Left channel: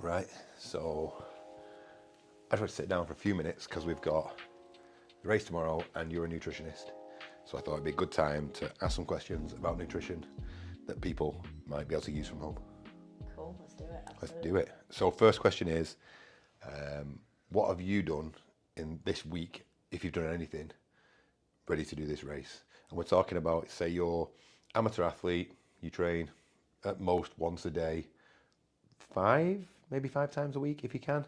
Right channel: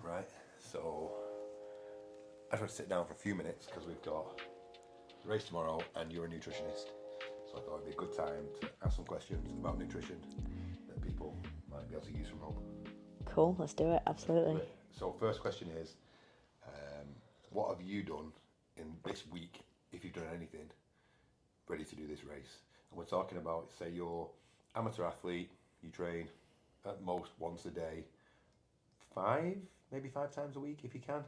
Right, so I just want to sit down for a few minutes because we've got the race tomorrow and you're a nutritionist. So I thought it'd be a good time to ask some questions about nutrition that people might be able to use from home. Cool, let's do it, absolutely. Let's do it. So first question is, what have you done in this week, if you've done anything, ready to do this race? And we're talking about, say you're amateur athlete, you train at most once a day, maybe five times a week if you can.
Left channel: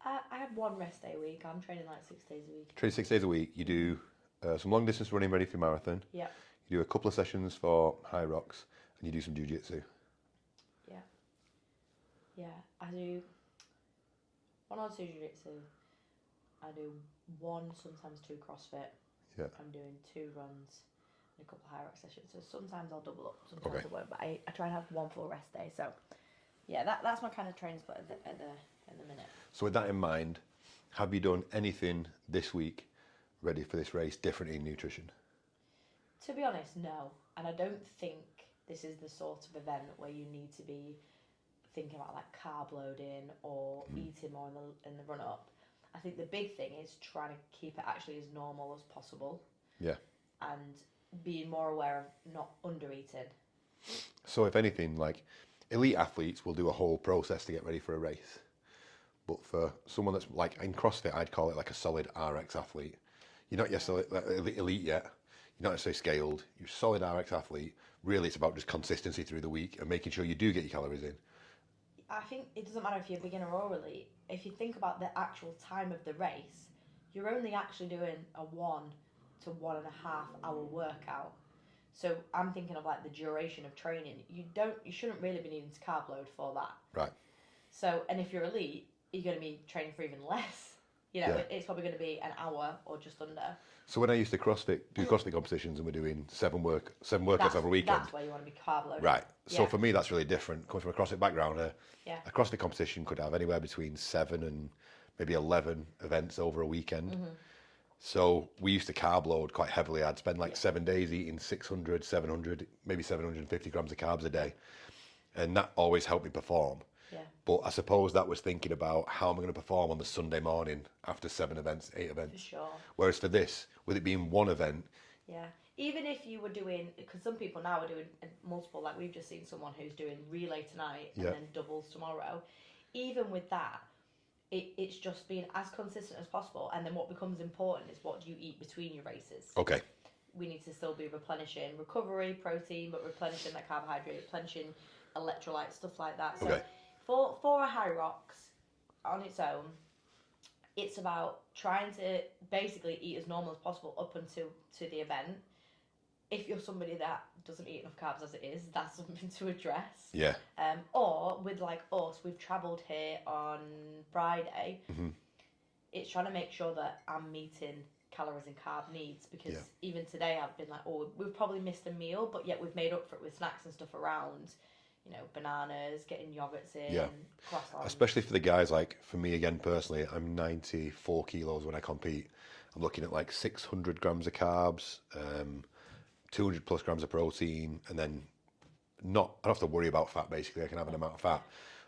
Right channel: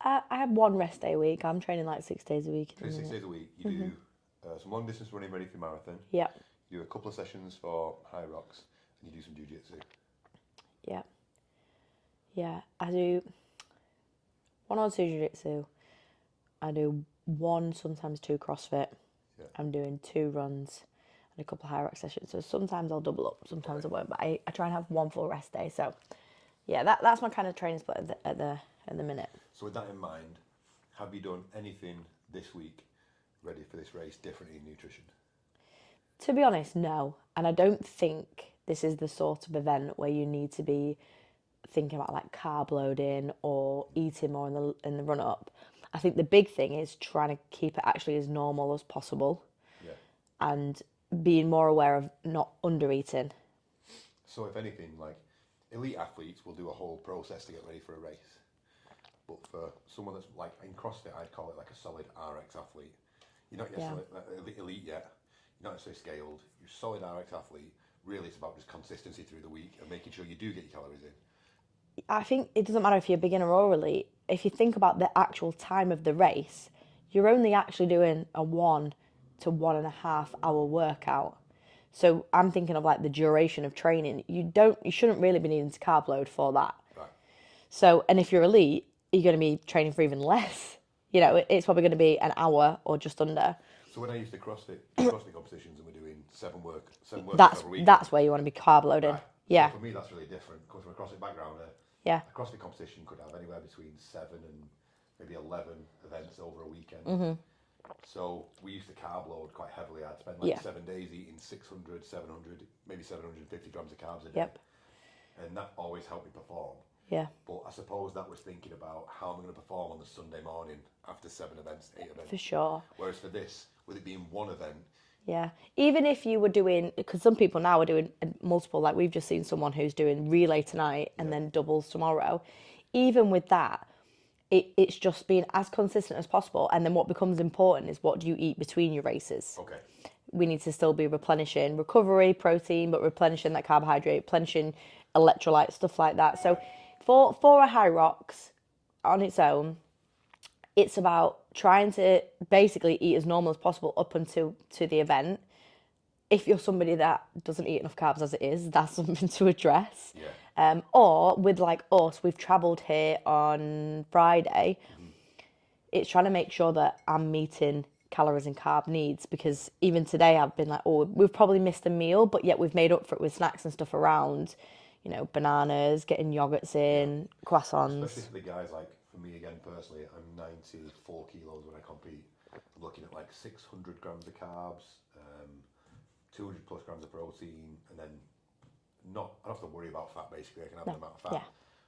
I have one rest day a week. I'm training like 6 days a week. Train 6 days a week. You do some long distance running ready for marathon. Yeah. You do a couple of sessions for HYROX, and you do some jiu-jitsu. Yeah. Yeah, I do 1 or 2 jiu-jitsu. I do 1, sometimes 2 CrossFit. Yeah. I'm doing 2 runs and a couple of HYROX sessions. So sometimes I'll double up, sometimes I won't. But I try and have 1 full rest day. So yeah, that's my kind of training split at the minute. So with that in mind, have you done anything this week ready for this race different in nutrition? To be honest, no. And I don't think this is the sort of event where you need to be thinking about like carb loading or eating more in the run up. I think the big thing is trying to keep it actually as normal as possible. Yeah. And being more aware of not under eating. So if anything, like elite athletes will do a whole process to get ready for a race. But for someone that's like in CrossFit, I'd call it like a solid RX athlete. You're not yet elite yet. You're not necessarily scaled. You're a solid RX athlete. Really, it's about just consistency through the week and making sure you do get your calories in. I think it doesn't matter if you're beginner or elite. If you think about the actual time of the race, you're only actually doing a 1 to 1.5 hour workout. So I'm thinking of like the duration of training. You shouldn't really be needing to carb load for that. Right. So, and if you're elite, you're going to be training for even less. You know, it's probably going to be an hour or just under. So when I used to do CrossFit competitions and we're doing seven workouts every weekend. That's where you want to be carb loading. Right. Yeah. So for me, that's really different. Coming from a CrossFit background, a CrossFit competition could have anywhere between 7 and maybe 11 events over a weekend. Mm-hmm. So we used to carb load quite heavily. I'd spend like 7 days eating 600, 700, maybe 750 grams of carbs a day. Yep. And that always helped me perform. Yeah. But I suppose that was thinking about how am I going to perform on the Sunday morning after 7 events, 8 events. For sure. Whereas for this, with it being one event. Yeah. Even if you were doing, because some people now are doing multiple, like we've just seen someone who's doing relay tonight and then doubles tomorrow. Even with that, it's just being as consistent as possible. And then what becomes important is what do you eat between your races? Okay. We need to still be replenishing recovery, protein, but replenishing that carbohydrate, replenishing electrolytes, stuff like that. So for a HYROX on its own, it's about trying to basically eat as normal as possible up until the event. If you're somebody that doesn't eat enough carbs as it is, that's something to address. Yeah. Or with like us, we've travelled here on Friday. Mm-hmm. It's trying to make sure that I'm meeting calories and carb needs because even today I've been like, oh, we've probably missed a meal, but yet we've made up for it with snacks and stuff around. You know, bananas, getting yogurts in, croissants. Especially for the guys, like for me again personally, I'm 94 kilos when I compete. I'm looking at like 600 grams of carbs, 200 plus grams of protein, and then I don't have to worry about fat basically. I can have an amount of fat.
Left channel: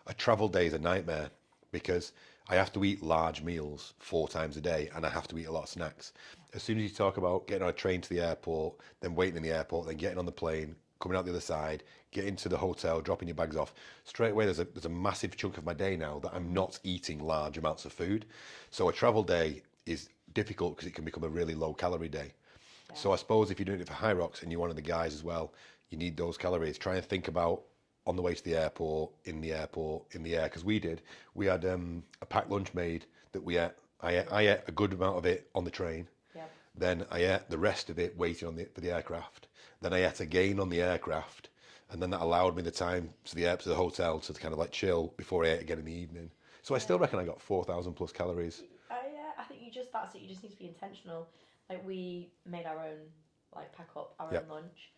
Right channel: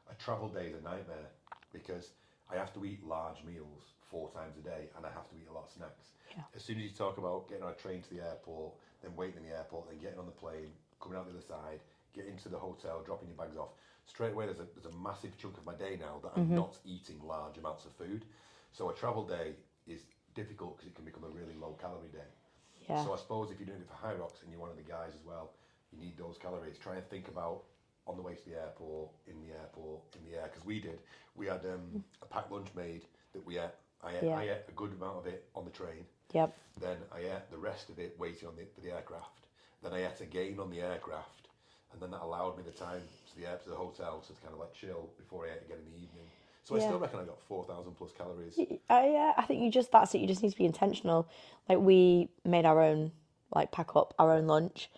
A travel day is a nightmare because I have to eat large meals 4 times a day and I have to eat a lot of snacks. As soon as you talk about getting on a train to the airport, then waiting in the airport, then getting on the plane, coming out the other side, getting to the hotel, dropping your bags off, straight away there's a massive chunk of my day now that I'm not eating large amounts of food. So a travel day is difficult because it can become a really low calorie day. Yeah. So I suppose if you're doing it for HYROX and you're one of the guys as well, you need those calories. Try and think about on the way to the airport, in the air, because we had a packed lunch made that we ate. I ate a good amount of it on the train. Yep. Then I ate the rest of it waiting for the aircraft. Then I ate again on the aircraft, and then that allowed me the time to the hotel to kind of like chill before I ate again in the evening. So I still reckon I got 4,000 plus calories. Yeah, I think that's it. You just need to be intentional. Like we made our own, like pack up our own lunch.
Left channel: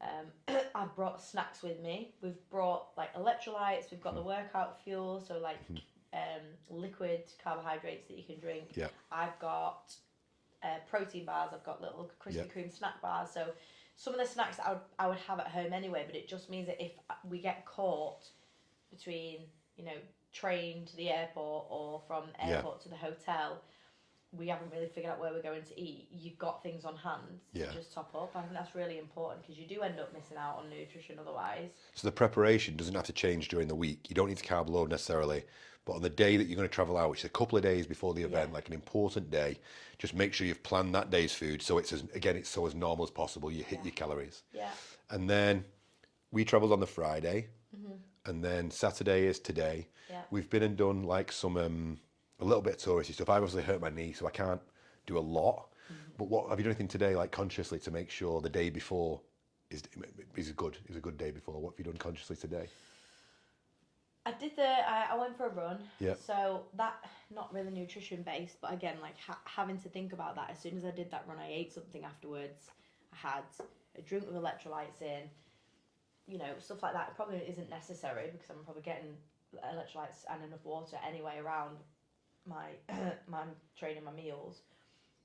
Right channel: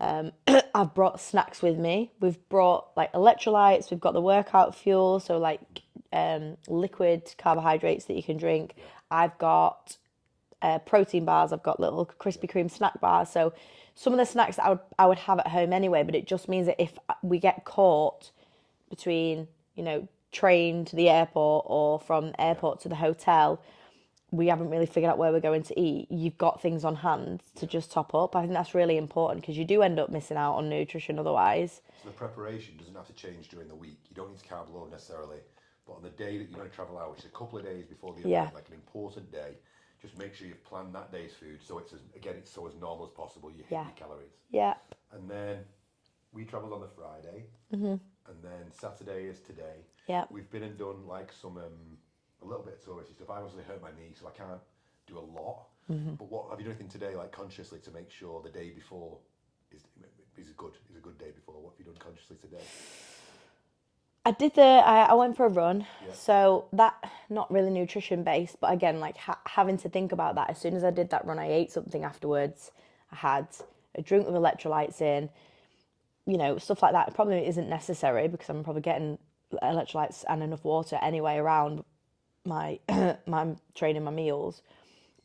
I've brought snacks with me. We've brought like electrolytes. We've got the workout fuel, so like liquid carbohydrates that you can drink. Yeah. I've got protein bars. I've got little Krispy Kreme snack bars. So some of the snacks that I would have at home anyway, but it just means that if we get caught between, train to the airport or from airport to the hotel, we haven't really figured out where we're going to eat, you've got things on hand to just top up. I think that's really important because you do end up missing out on nutrition otherwise. So the preparation doesn't have to change during the week. You don't need to carb load necessarily, but on the day that you're going to travel out, which is a couple of days before the event, like an important day, just make sure you've planned that day's food so it's so as normal as possible. You hit your calories. Yeah. And then we travelled on the Friday, and then Saturday is today. Yeah. We've been and done like some a little bit of touristy stuff. I obviously hurt my knee, so I can't do a lot. But what have you done anything today, like consciously, to make sure the day before is a good day before? What have you done consciously today? I did I went for a run. Yeah. So that, not really nutrition based, but again, like having to think about that. As soon as I did that run, I ate something afterwards. I had a drink with electrolytes in, stuff like that. It probably isn't necessary because I'm probably getting electrolytes and enough water anyway around my training, my meals.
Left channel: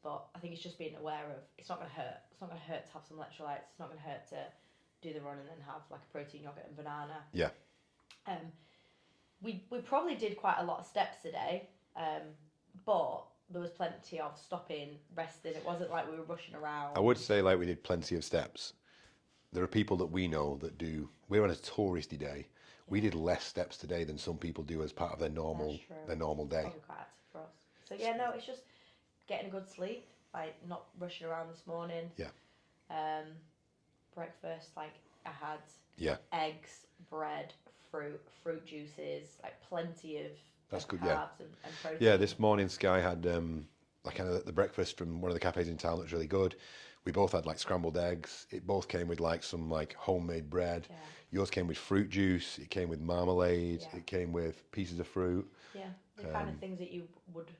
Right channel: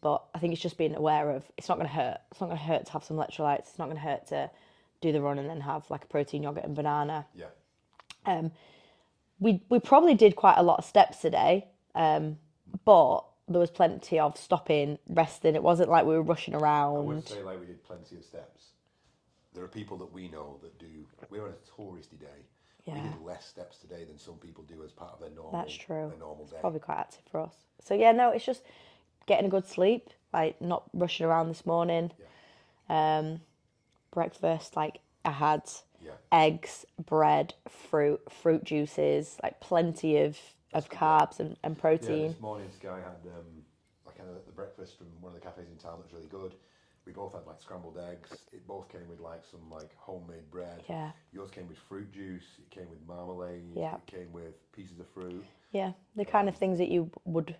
But I think it's just being aware of, it's not going to hurt. It's not going to hurt to have some electrolytes. It's not going to hurt to do the run and then have like a protein yogurt and banana. Yeah. We probably did quite a lot of steps today, but there was plenty of stopping, resting. It wasn't like we were rushing around. I would say like we did plenty of steps. There are people that we know that do. We're on a touristy day. We did less steps today than some people do as part of their normal. That's true. Their normal day. Probably quite active for us. So yeah, no, it's just getting a good sleep, like not rushing around this morning. Yeah. Breakfast, like I had Yeah. eggs, bread, fruit juices, like plenty of That's good, carbs and protein. Yeah, this morning Sky had like kind of the breakfast from one of the cafes in town that was really good. We both had like scrambled eggs. It both came with like some like homemade bread. Yeah. Yours came with fruit juice. It came with marmalade. Yeah. It came with pieces of fruit. Yeah, the kind of things that you would.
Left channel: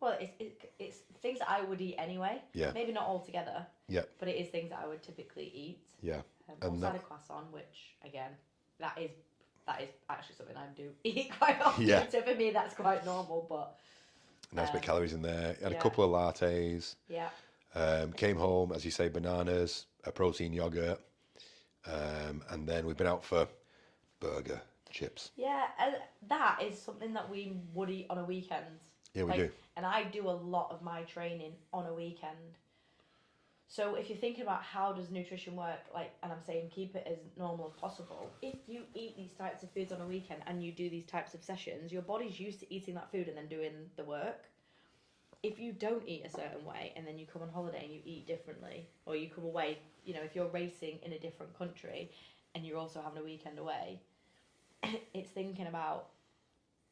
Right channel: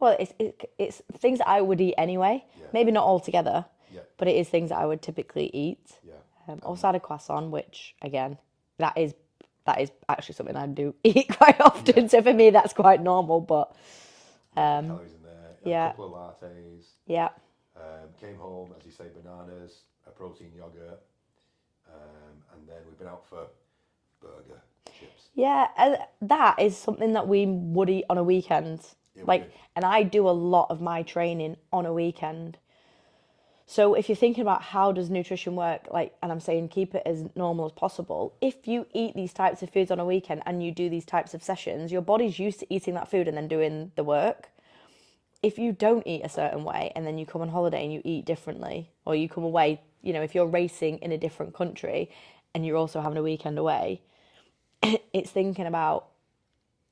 Well, it's things that I would eat anyway. Yeah. Maybe not all together. Yeah. But it is things that I would typically eat. Yeah. Also had a croissant, which again, that is actually something I do eat quite often. Yeah. So for me, that's quite normal. But Nice bit calories in there. Had a couple of lattes. yeah. Came home, as you say, bananas, a protein yogurt, and then we've been out for burger, chips. Yeah, that is something that we would eat on a weekend. Yeah, we do. And I do a lot of my training on a weekend. So if you're thinking about how does nutrition work, and I'm saying keep it as normal as possible, if you eat these types of foods on a weekend and you do these types of sessions, your body's used to eating that food and then doing the work. If you don't eat a certain way and then you come on holiday and you eat differently, or you come away, if you're racing in a different country and you're also having a weekend away, it's thinking about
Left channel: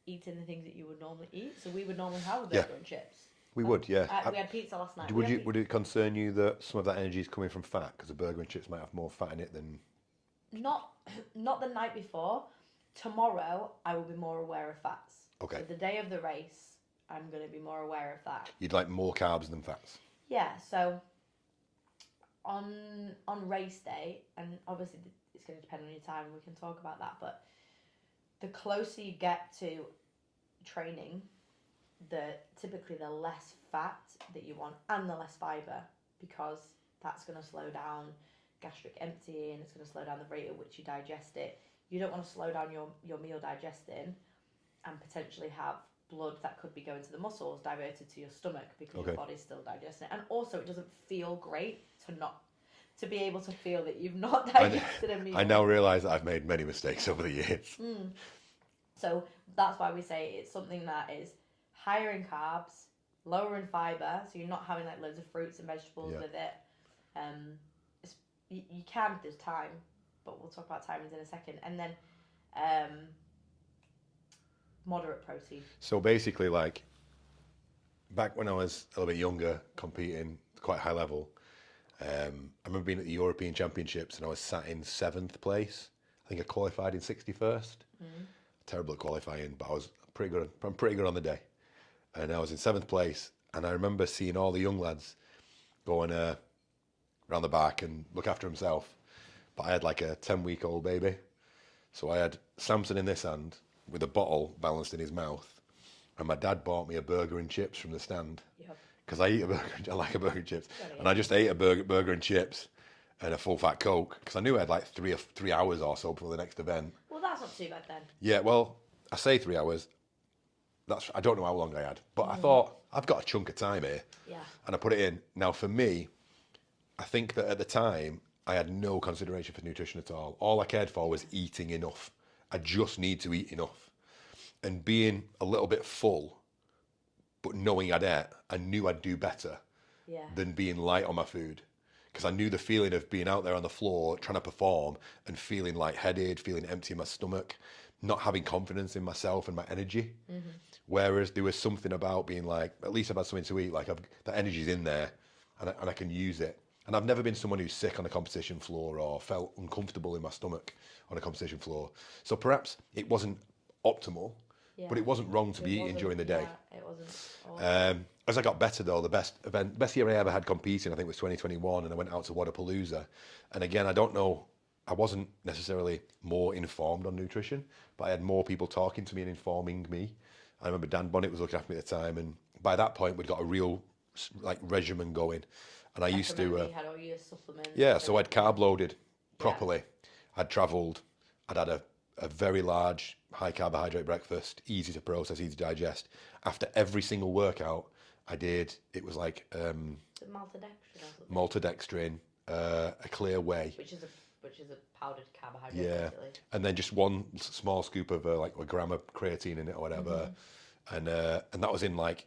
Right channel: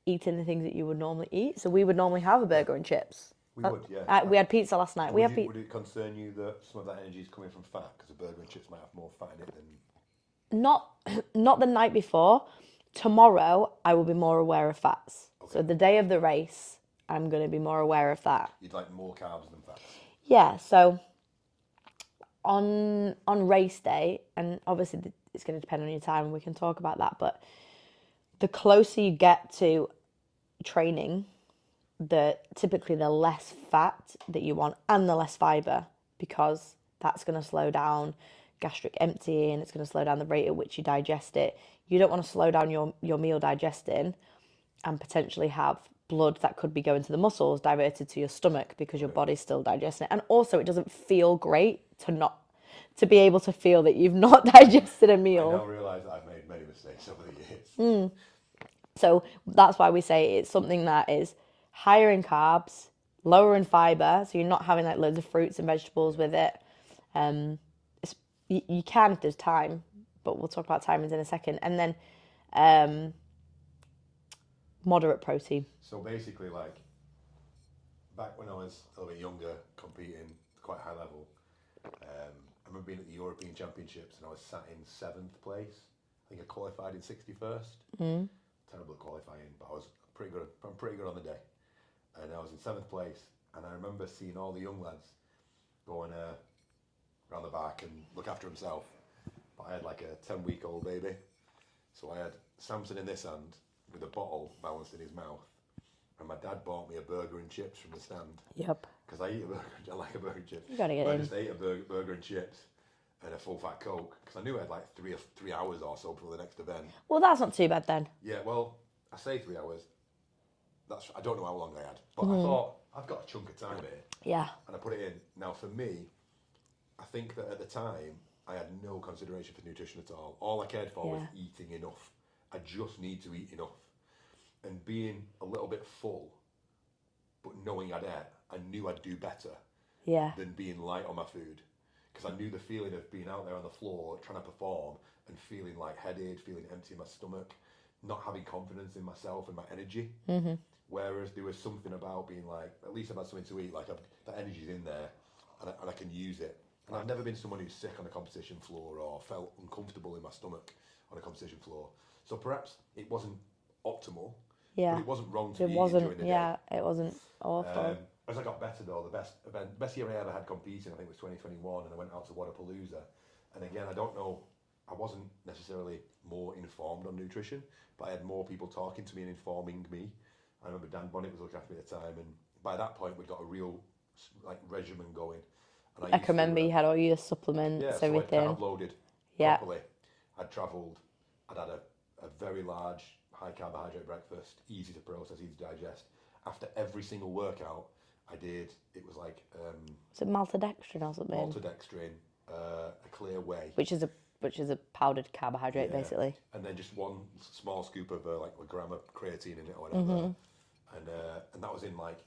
eating the things that you would normally eat. So we would normally have a burger and chips. We would, yeah. We had pizza last night. Would it concern you that some of that energy is coming from fat? Because a burger and chips might have more fat in it than... Not the night before. Tomorrow, I will be more aware of fats. Okay. So the day of the race, I'm going to be more aware of that. You'd like more carbs than fats? Yeah, so on race day, and obviously it's going to depend on your time, and we can talk about that, but the closer you get to training, typically the less fat that you want and the less fibre, because that's going to slow down gastric emptying, it's going to slow down the rate at which you digest it. You don't want to slow down your meal digesting and potentially have blood that could be going to the muscles diverted to your stomach because your body's still digesting it. And also it doesn't feel great to be able to feel that you've not digested a meal. I now realise that I've made many mistakes over the years. So that's why we say it's something that is higher in carbs, lower in fibre, so you're not having like loads of fruits and vegetables with it. You can if there's time, but we'll talk about timings in a second. And then moderate protein. So basically, like, back when I was a little bit younger, competing quite high level, I remember being at the European Championships and I was sat in 7th place. I think I qualified in 61st. Terrible at qualifying, but I was pretty good. I'm pretty good on the day. And I was in 7th place, and I remember seeing all the young lads going around the back and look after himself. But I had like a 10-week-old baby. So I had Samson in this hand with a bottle balanced in his mouth. And my dad bought me a burger and chips from the stand. Yep. Because I eat a burger, I like a burger and chips. And I just ate a burger and chips and a full fat Coke. Because I knew I had like 3 hours or so before the next event. Well, that's not too bad then. Yeah, well, I say 3 hours. I don't know how long I had, but I thought I've got a chunk of time here, Yeah. and I put it in. Now for me, I think that at the time I had no consideration for nutrition at all. All I cared for was eating enough. I just need to eat enough, and being a little bit full, but knowing I'd ate, I knew I'd do better Yeah. than being light on my food. Because I knew the feeling of being out there on the floor trying to perform and feeling lightheaded, feeling empty in my stomach, not having confidence in myself and my energy. Whereas there was something about being like, at least I've had something to eat, like the energy's in there and I can use it. And I've never been someone who's sick on a competition floor or felt uncomfortable in my stomach on a competition floor. So perhaps it wasn't optimal, Yeah. but it wasn't wrong to It be eating wasn't. during the day. Yeah. It wasn't awful. As I got better though, the best year I ever had competing, I think was 2021, and I went out to Wadapalooza. And again, I don't know, I wasn't necessarily more informed on nutrition, but I had more people talking to me and informing me. I remember Dan Bonnet was looking after me at the time, and by that point we'd got a real like regimen going. And I I used can remember to, you had all your supplements. yeah, so I'd everything. carb loaded Yeah. properly. I'd travelled. I'd had a very large, high carbohydrate breakfast, easy to process, easy to digest. After every single workout, I did. It was like Is it maltodextrin or something? maltodextrin, a clear whey, Which is a powdered carbohydrate, basically. and then just one small scoop of like a gram of creatine in it or whatever, and that was in like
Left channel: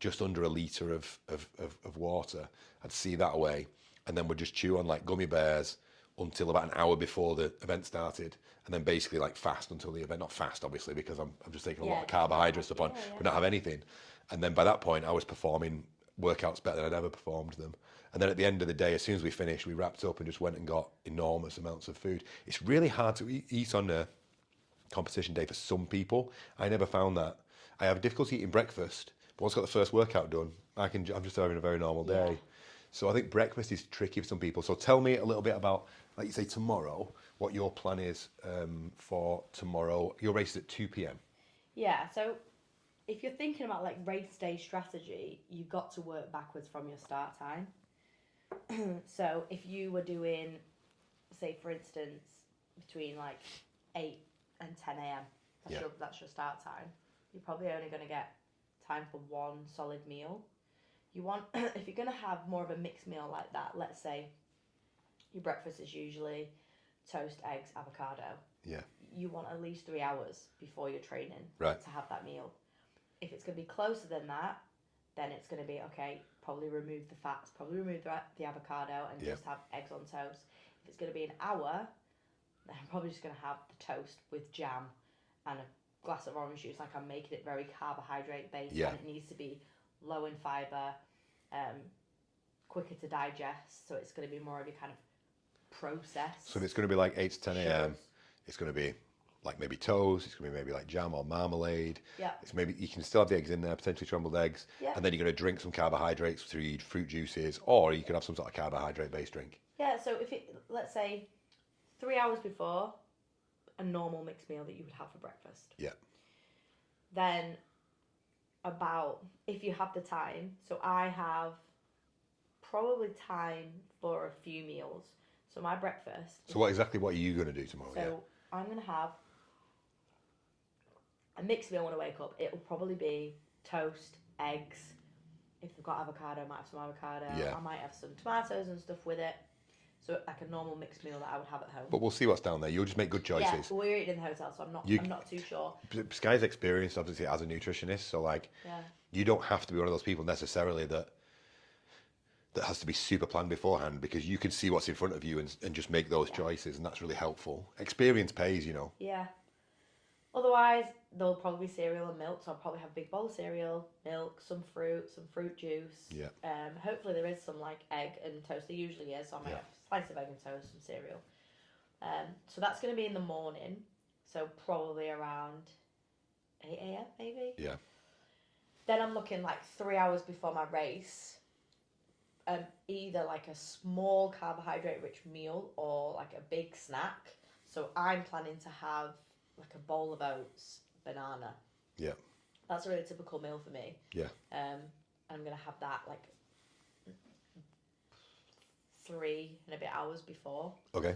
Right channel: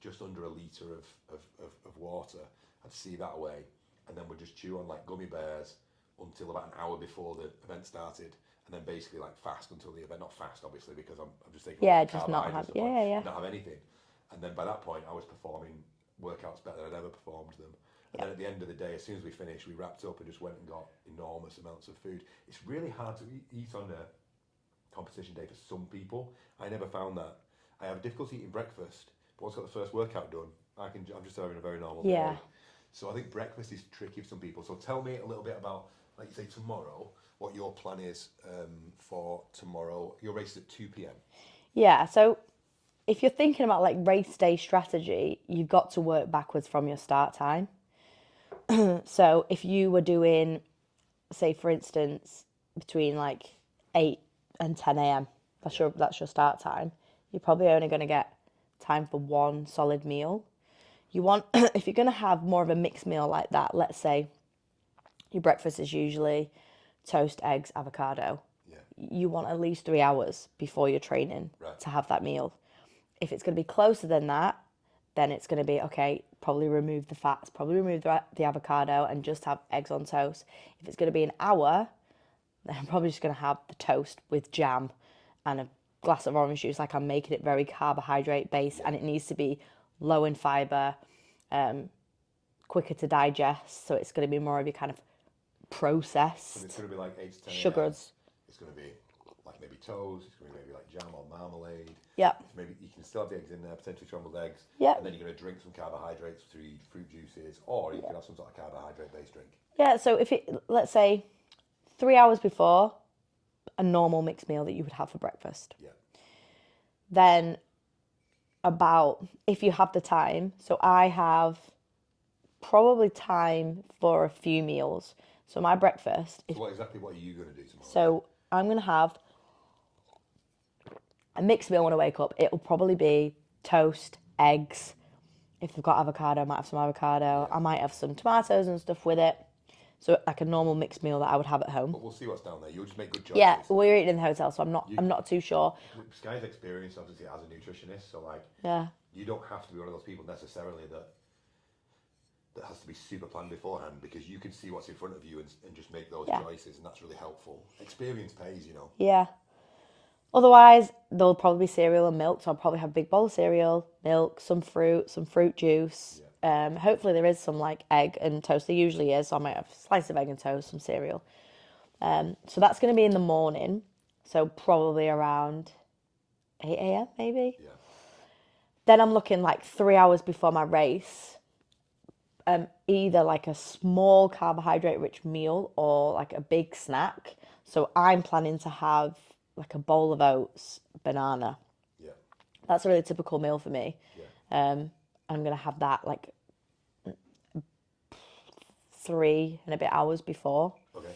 just under a litre of water. I'd see that away, and then would just chew on like gummy bears until about an hour before the event started, and then basically like fast until the event. Not fast, obviously, because I'm just taking all the Just not carbohydrates have- upon, yeah, yeah. but not have anything. And then by that point, I was performing workouts better than I'd ever performed them. And then at the end of the day, as soon as we finished, we wrapped up and just went and got enormous amounts of food. It's really hard to eat on a competition day for some people. I never found that. I have difficulty eating breakfast, but once I got the first workout done, I'm just having a very normal day. Yeah. So I think breakfast is tricky for some people. So tell me a little bit about, like you say, tomorrow, what your plan is for tomorrow. Your race is at 2 p.m. Yeah. So if you're thinking about like race day strategy, you've got to work backwards from your start time. So if you were doing, say for instance, between like 8 and 10 a.m., that's your start time, you're probably only going to get time for one solid meal. You want, if you're going to have more of a mixed meal like that, let's say your breakfast is usually toast, eggs, avocado. Yeah. You want at least 3 hours before your training to have that meal. If it's going to be closer than that, then it's going to be, okay, probably remove the fats, probably remove the avocado and just have eggs on toast. If it's going to be an hour, then I'm probably just going to have the toast with jam and a glass of orange juice. Like, I'm making it very carbohydrate based, and it needs to be low in fiber, quicker to digest. So it's going to be more of your kind of process. So it's going to be like 8 to 10 a.m. Sugars. It's going to be like maybe toast. It's going to be maybe like jam or marmalade. Yeah. It's maybe you can still have the eggs in there, potentially scrambled eggs. Yeah. And then you're going to drink some carbohydrates through fruit juices, or you could have some sort of carbohydrate-based drink. Yeah. So if it, let's say, 3 hours before a normal mixed meal that you would have for breakfast. Yeah. Then about, if you have the time, so I have probably time for a few meals. So my breakfast. So what are you going to do tomorrow? So I'm going to have a mixed meal when I wake up. It'll probably be toast, eggs. If I've got avocado, I might have some avocado. I might have some tomatoes and stuff with it. So like a normal mixed meal that I would have at home. But we'll see what's down there. You'll just make good choices. Yeah, we're eating in the hotel, so I'm not too sure. Sky's experienced, obviously, as a nutritionist, so like, you don't have to be one of those people necessarily that has to be super planned beforehand, because you can see what's in front of you and just make those choices, and that's really helpful. Experience pays, you know. Yeah. Otherwise, there'll probably be cereal and milk, so I'll probably have a big bowl of cereal, milk, some fruit juice. Yeah. Hopefully there is some like egg and toast. There usually is, so I might have a slice of egg and toast, some cereal. So that's going to be in the morning, so probably around 8 a.m. maybe. Yeah. Then I'm looking like 3 hours before my race, either like a small carbohydrate-rich meal or like a big snack. So I'm planning to have like a bowl of oats, banana. Yeah. That's a really typical meal for me. Yeah. I'm going to have that like 3 and a bit hours before. Okay.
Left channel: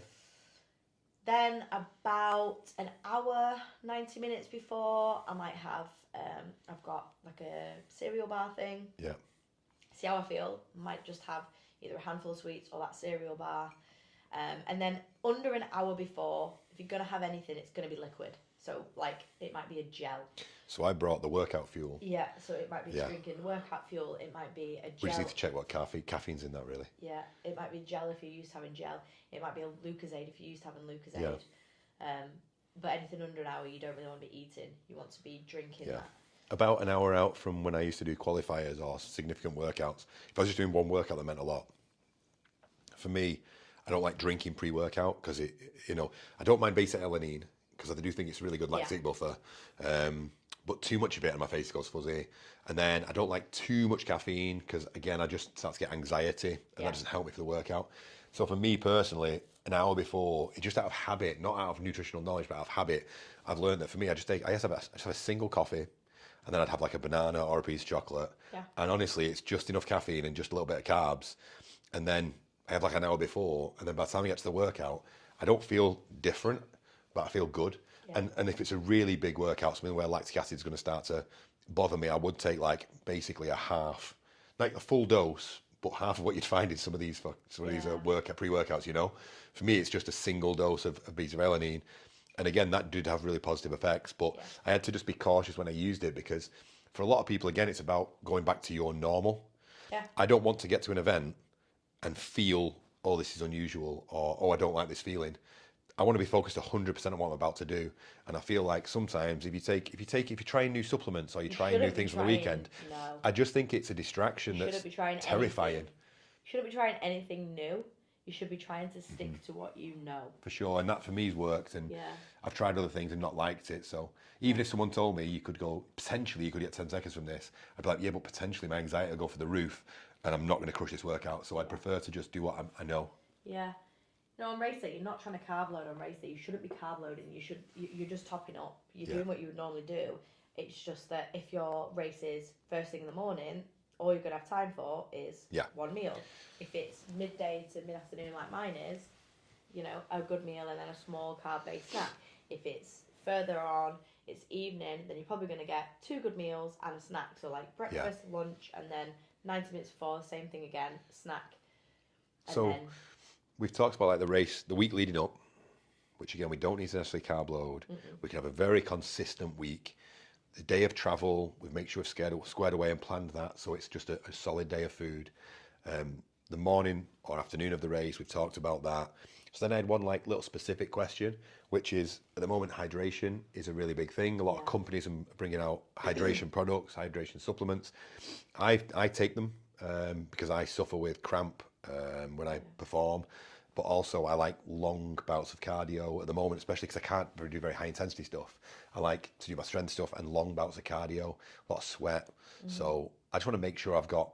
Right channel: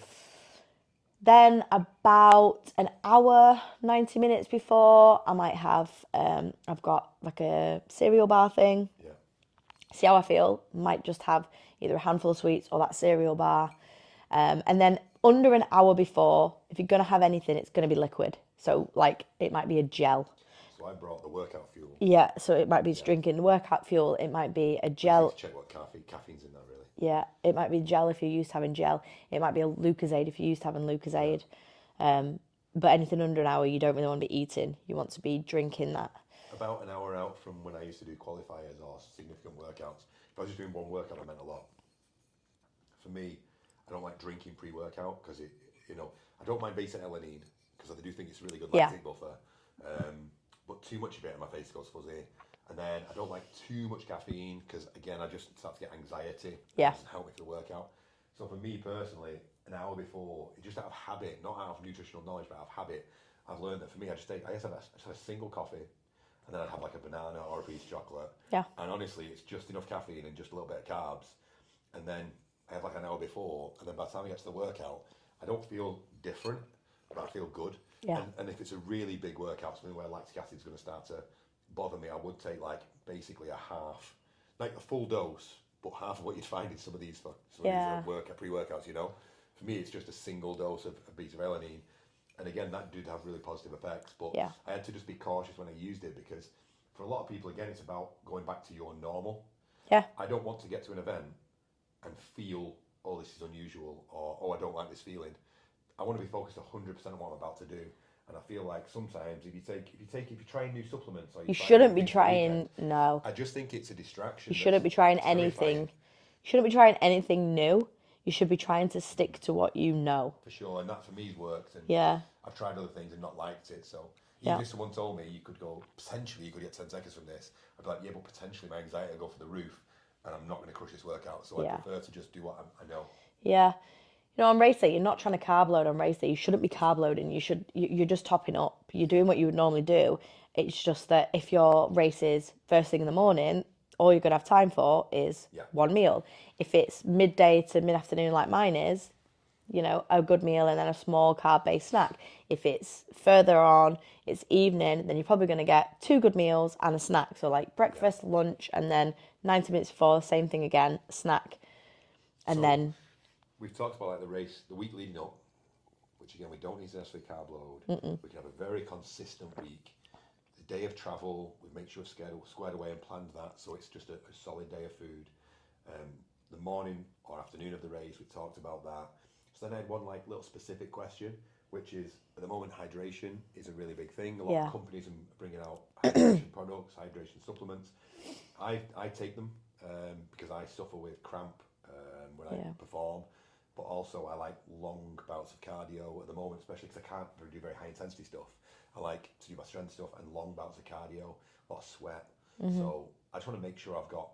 Then about an hour, 90 minutes before, I might have, I've got like a cereal bar thing. Yeah. See how I feel. Might just have either a handful of sweets or that cereal bar. And then under an hour before, if you're going to have anything, it's going to be liquid. So like it might be a gel. So I brought the workout fuel. Yeah, so it might be Yeah. drinking the workout fuel. It might be a We just need gel. to check what caffeine's in that, really. Yeah, it might be gel if you're used to having gel. It might be a Lucozade if you're used to having Lucozade. But anything under an hour, you don't really want to be eating. You want to be drinking that. About an hour out from when I used to do qualifiers or significant workouts, if I was just doing one workout, that meant a lot. For me, I don't like drinking pre-workout because I don't mind beta-alanine because I do think it's really good lactic buffer. But too much of it and my face goes fuzzy. And then I don't like too much caffeine because, again, I just start to get anxiety and it doesn't help me for the workout. So for me personally, an hour before, just out of habit, not out of nutritional knowledge, but out of habit, I've learned that for me, I just have a single coffee and then I'd have like a banana or a piece of chocolate. Yeah. And honestly, it's just enough caffeine and just a little bit of carbs. And then I have like an hour before, and then by the time I get to the workout, I don't feel different, but I feel good. Yeah. And if it's a really big workout, something where lactic acid is going to start to bother me, I would take like basically a half, like a full dose, but half of what you'd find in some of these pre-workouts. For me, it's just a single dose of beta-alanine. And again, that did have really positive effects, but I had to just be cautious when I used it because for a lot of people, again, it's about going back to your normal. Yeah. I don't want to get to an event and feel, oh, this is unusual, or oh, I don't like this feeling. I want to be focused 100% on what I'm about to do. And I feel like sometimes if you try new supplements or you try new shouldn't be things on the trying. weekend, No, I just think it's a distraction. you shouldn't be trying terrifying. anything. You shouldn't be trying anything new. You should be trying to stick to what you know. For sure, and that for me has worked. And I've tried other things and not liked it. So even if someone told me you could get 10 seconds from this, I'd be like, yeah, but potentially my anxiety will go for the roof, and I'm not going to crush this workout. So I prefer to just do what I know. Yeah. On race day, you're not trying to carb load on race day. You shouldn't be carb loading. You're just topping up. You're doing what you would normally do. It's just that if your race is first thing in the morning, all you're going to have time for is one meal. If it's midday to mid-afternoon like mine is, a good meal and then a small carb-based snack. If it's further on, it's evening, then you're probably going to get 2 good meals and a snack. So like breakfast, lunch, and then 90 minutes before, same thing again, snack. And then we've talked about like the week leading up, which again, we don't need to necessarily carb load. We can have a very consistent week. The day of travel, we make sure we've squared away and planned that, so it's just a solid day of food. The morning or afternoon of the race, we've talked about that. So then I had one like little specific question, which is at the moment hydration is a really big thing. A lot of companies are bringing out hydration products, hydration supplements. I take them because I suffer with cramp when I perform, but also I like long bouts of cardio at the moment, especially because I can't do very high intensity stuff. I like to do my strength stuff and long bouts of cardio, a lot of sweat. So I just want to make sure I've got,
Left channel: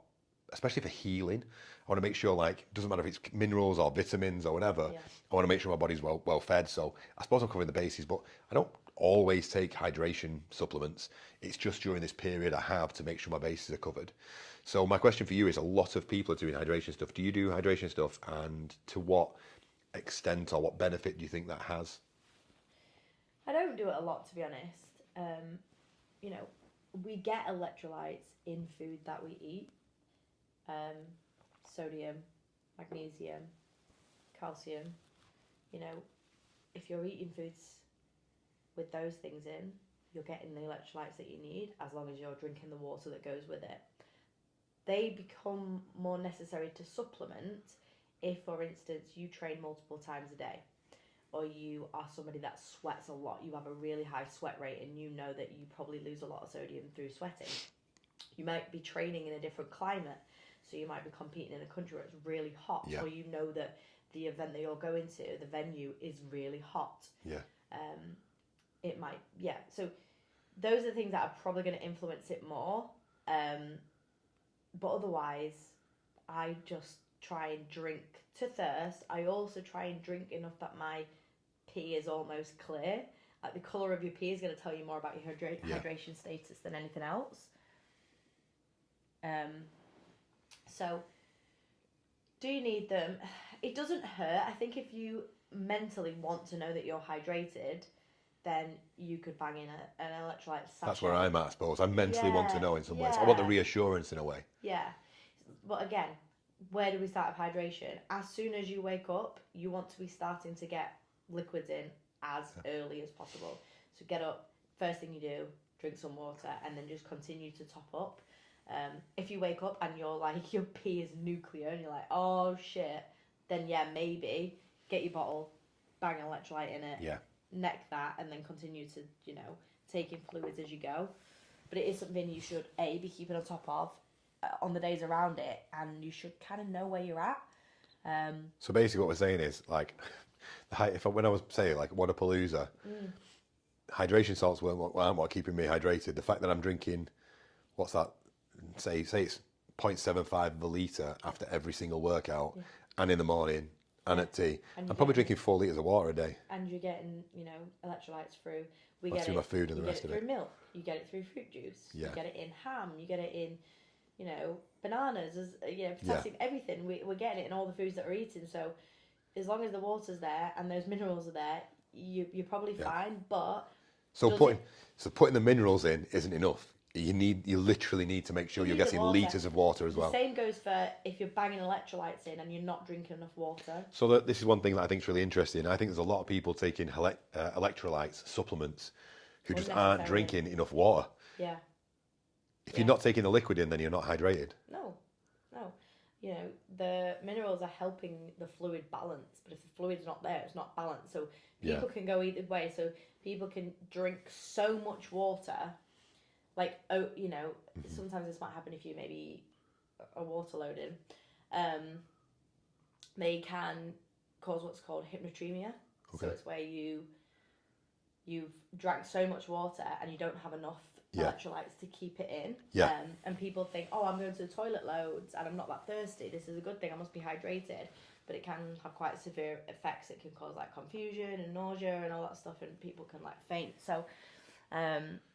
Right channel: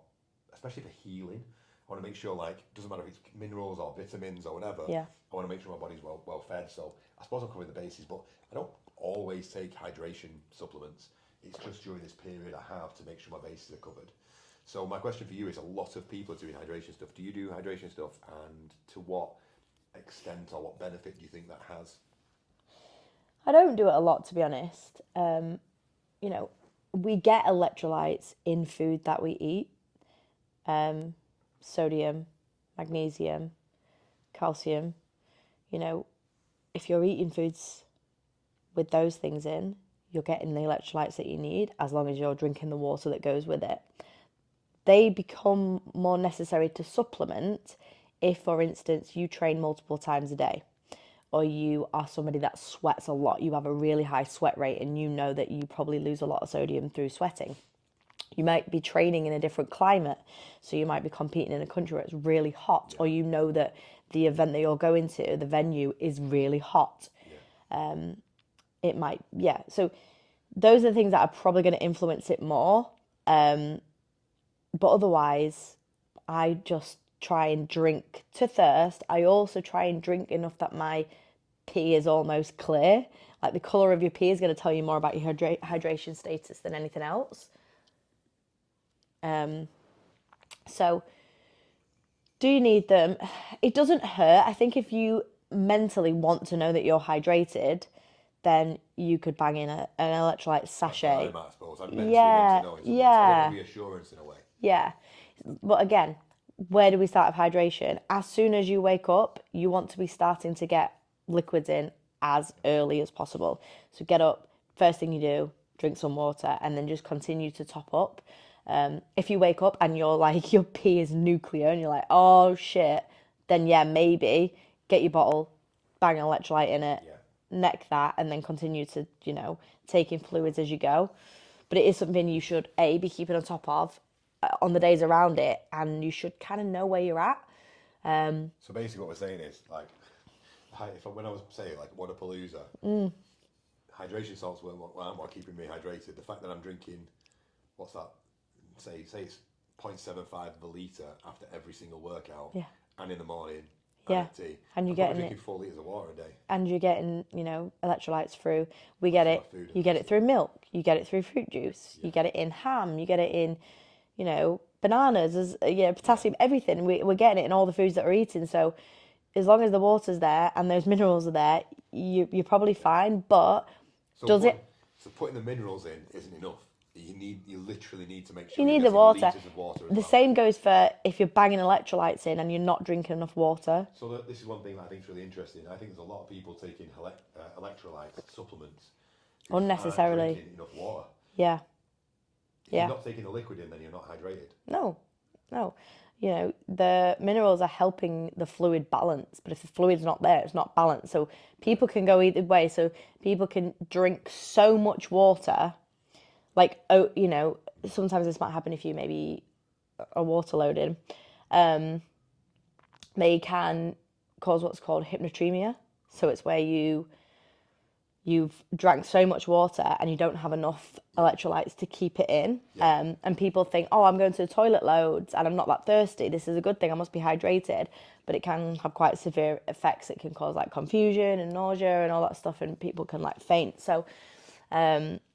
especially for healing, I want to make sure, like, doesn't matter if it's minerals or vitamins or whatever, I want to make sure my body's well fed. So I suppose I'm covering the bases, but I don't always take hydration supplements. It's just during this period I have to make sure my bases are covered. So my question for you is, a lot of people are doing hydration stuff. Do you do hydration stuff, and to what extent or what benefit do you think that has? I don't do it a lot, to be honest. We get electrolytes in food that we eat. Sodium, magnesium, calcium. If you're eating foods with those things in, you're getting the electrolytes that you need, as long as you're drinking the water that goes with it. They become more necessary to supplement if, for instance, you train multiple times a day, or you are somebody that sweats a lot. You have a really high sweat rate and you know that you probably lose a lot of sodium through sweating. You might be training in a different climate, so you might be competing in a country where it's really hot, or you know that the event that you're going to, the venue, is really hot. It might, so those are the things that are probably going to influence it more. But otherwise, I just try and drink to thirst. I also try and drink enough that my pee is almost clear. Like, the colour of your pee is going to tell you more about your hydration status than anything else. So do you need them? It doesn't hurt. I think if you mentally want to know that you're hydrated, then you could bang in an electrolyte sachet. That's where I'm at, I suppose. I mentally want to know in some ways. I want the reassurance in a way. Yeah. But again, where do we start with hydration? As soon as you wake up, you want to be starting to get liquids in as early as possible. So get up, first thing you do, drink some water, and then just continue to top up. If you wake up and you're like, your pee is nuclear and you're like, oh shit, then yeah, maybe get your bottle, bang an electrolyte in it, neck that, and then continue to, take in fluids as you go. But it is something you should, A, be keeping on top of on the days around it, and you should kind of know where you're at. So basically what we're saying is, like, when I was saying, like, Wodapalooza, hydration salts weren't what keeping me hydrated. The fact that I'm drinking, what's that, say it's 0.75 of a litre after every single workout, and in the morning, and at tea. And I'm probably drinking 4 litres of water a day. And you're getting, electrolytes through. You get it through milk. You get it through fruit juice. You get it in ham. You get it in, bananas, potassium, everything. We're getting it in all the foods that we're eating. So as long as the water's there and those minerals are there, you're probably fine. But so putting the minerals in isn't enough. You literally need to make sure you're getting litres of water as well. The same goes for if you're banging electrolytes in and you're not drinking enough water. So this is one thing that I think is really interesting. I think there's a lot of people taking electrolytes, supplements, who just aren't drinking enough water. Yeah. If you're not taking the liquid in, then you're not hydrated. No. The minerals are helping the fluid balance, but if the fluid's not there, it's not balanced. So people can go either way. So people can drink so much water, like, sometimes this might happen if you maybe are water loaded. They can cause what's called hyponatremia. Okay. So it's where you've drank so much water and you don't have enough electrolytes to keep it in. Yeah. And people think, oh, I'm going to the toilet loads and I'm not that thirsty. This is a good thing. I must be hydrated. But it can have quite severe effects. It can cause like confusion and nausea and all that stuff, and people can like faint. So,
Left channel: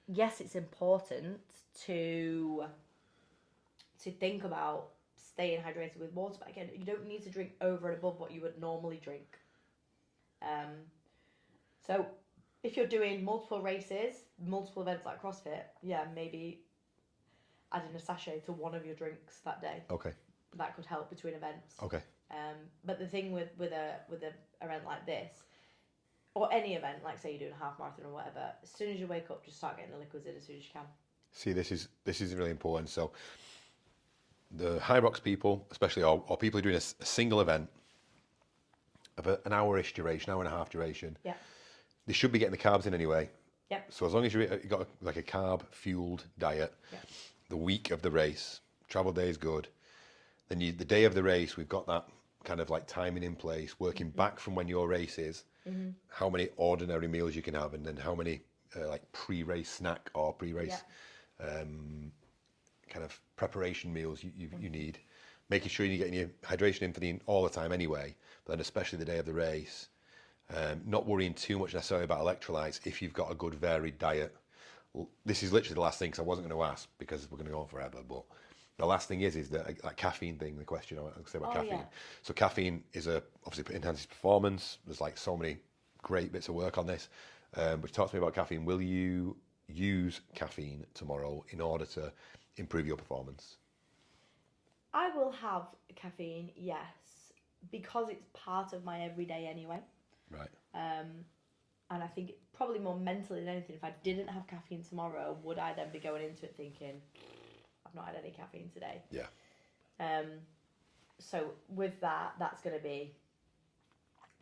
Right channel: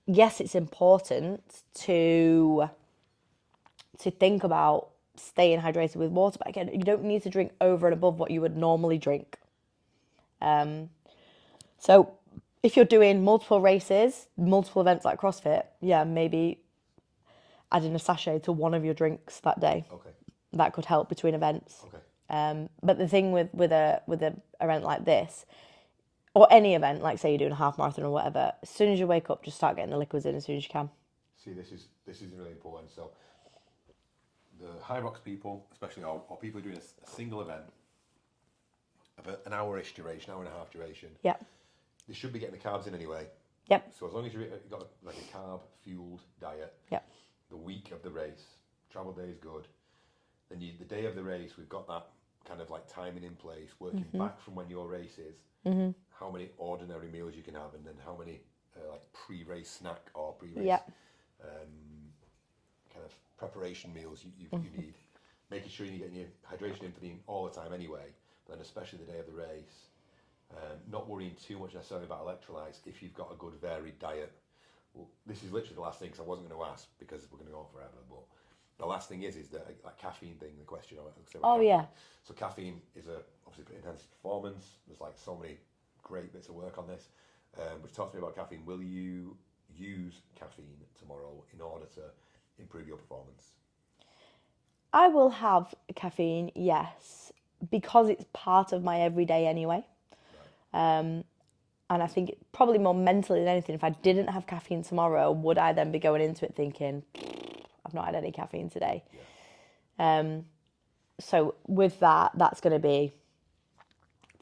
yes, it's important to think about staying hydrated with water. But again, you don't need to drink over and above what you would normally drink. So if you're doing multiple races, multiple events like CrossFit, maybe adding a sachet to one of your drinks that day. Okay. That could help between events. Okay. But the thing with a event like this, or any event, like say you're doing a half marathon or whatever, as soon as you wake up, just start getting the liquids in as soon as you can. See, this is really important. So the HYROX people, especially, or people who are doing a single event of an hour-ish duration, hour and a half duration, they should be getting the carbs in anyway. Yep. So as long as you've got like a carb-fueled diet, the week of the race, travel day is good. Then the day of the race, we've got that kind of like timing in place, working back from when your race is, how many ordinary meals you can have, and then how many like pre-race snack or pre-race kind of preparation meals you need. Making sure you're getting your hydration in all the time anyway, but then especially the day of the race. Not worrying too much necessarily about electrolytes if you've got a good varied diet. Well, this is literally the last thing, because I wasn't going to ask because we're going to go on forever, but the last thing is that caffeine thing, the question I say about caffeine. Yeah. So caffeine is obviously enhances performance. There's like so many great bits of work on this. But talk to me about caffeine. Will you use caffeine tomorrow in order to improve your performance? I will have caffeine, yes, because it's part of my everyday anyway. Right. And I think probably more mentally than anything, if I didn't have caffeine tomorrow, would I then be going into it thinking, I've not had any caffeine today? Yeah. So with that's going to be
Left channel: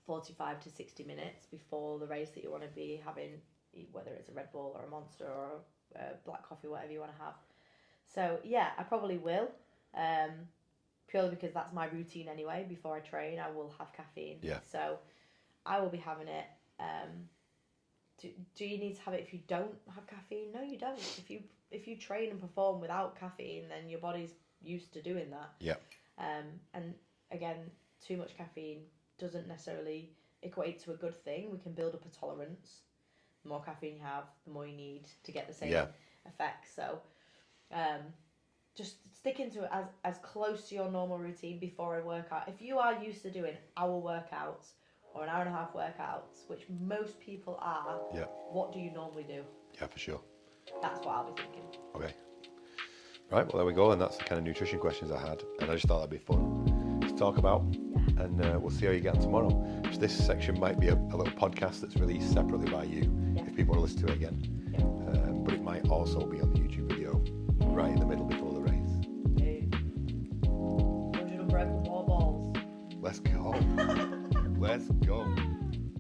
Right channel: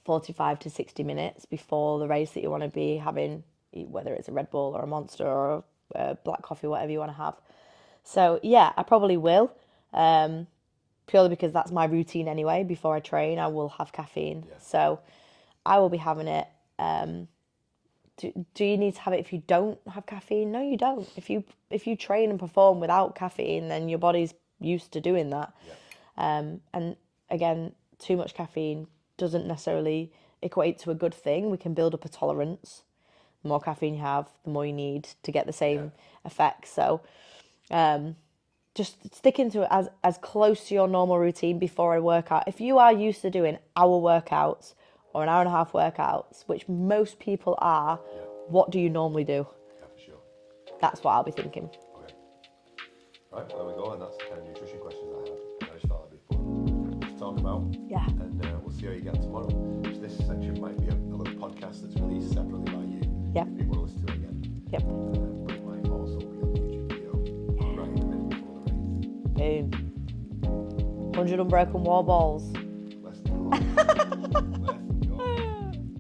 45 to 60 minutes before the race that you want to be having, whether it's a Red Bull or a Monster or a black coffee, whatever you want to have. So yeah, I probably will. Purely because that's my routine anyway. Before I train, I will have caffeine. Yeah. So I will be having it. Do you need to have it if you don't have caffeine? No, you don't. If you train and perform without caffeine, then your body's used to doing that. Yeah. And again, too much caffeine doesn't necessarily equate to a good thing. We can build up a tolerance. The more caffeine you have, the more you need to get the same effects. So, just stick into it as close to your normal routine before a workout. If you are used to doing hour workouts or an hour and a half workouts, which most people are, Yeah. what do you normally do? Yeah, for sure. That's what I'll be thinking. Okay. Right, well, there we go. And that's the kind of nutrition questions I had. And I just thought that'd be fun to talk about. Yeah. And we'll see how you get on tomorrow. So this section might be a little podcast that's released separately by you. Yeah. If people want to listen to it again. Yep. But it might also be on the YouTube video right in the middle before the race. Boom. 100 unbroken wall balls. Let's go. Let's go.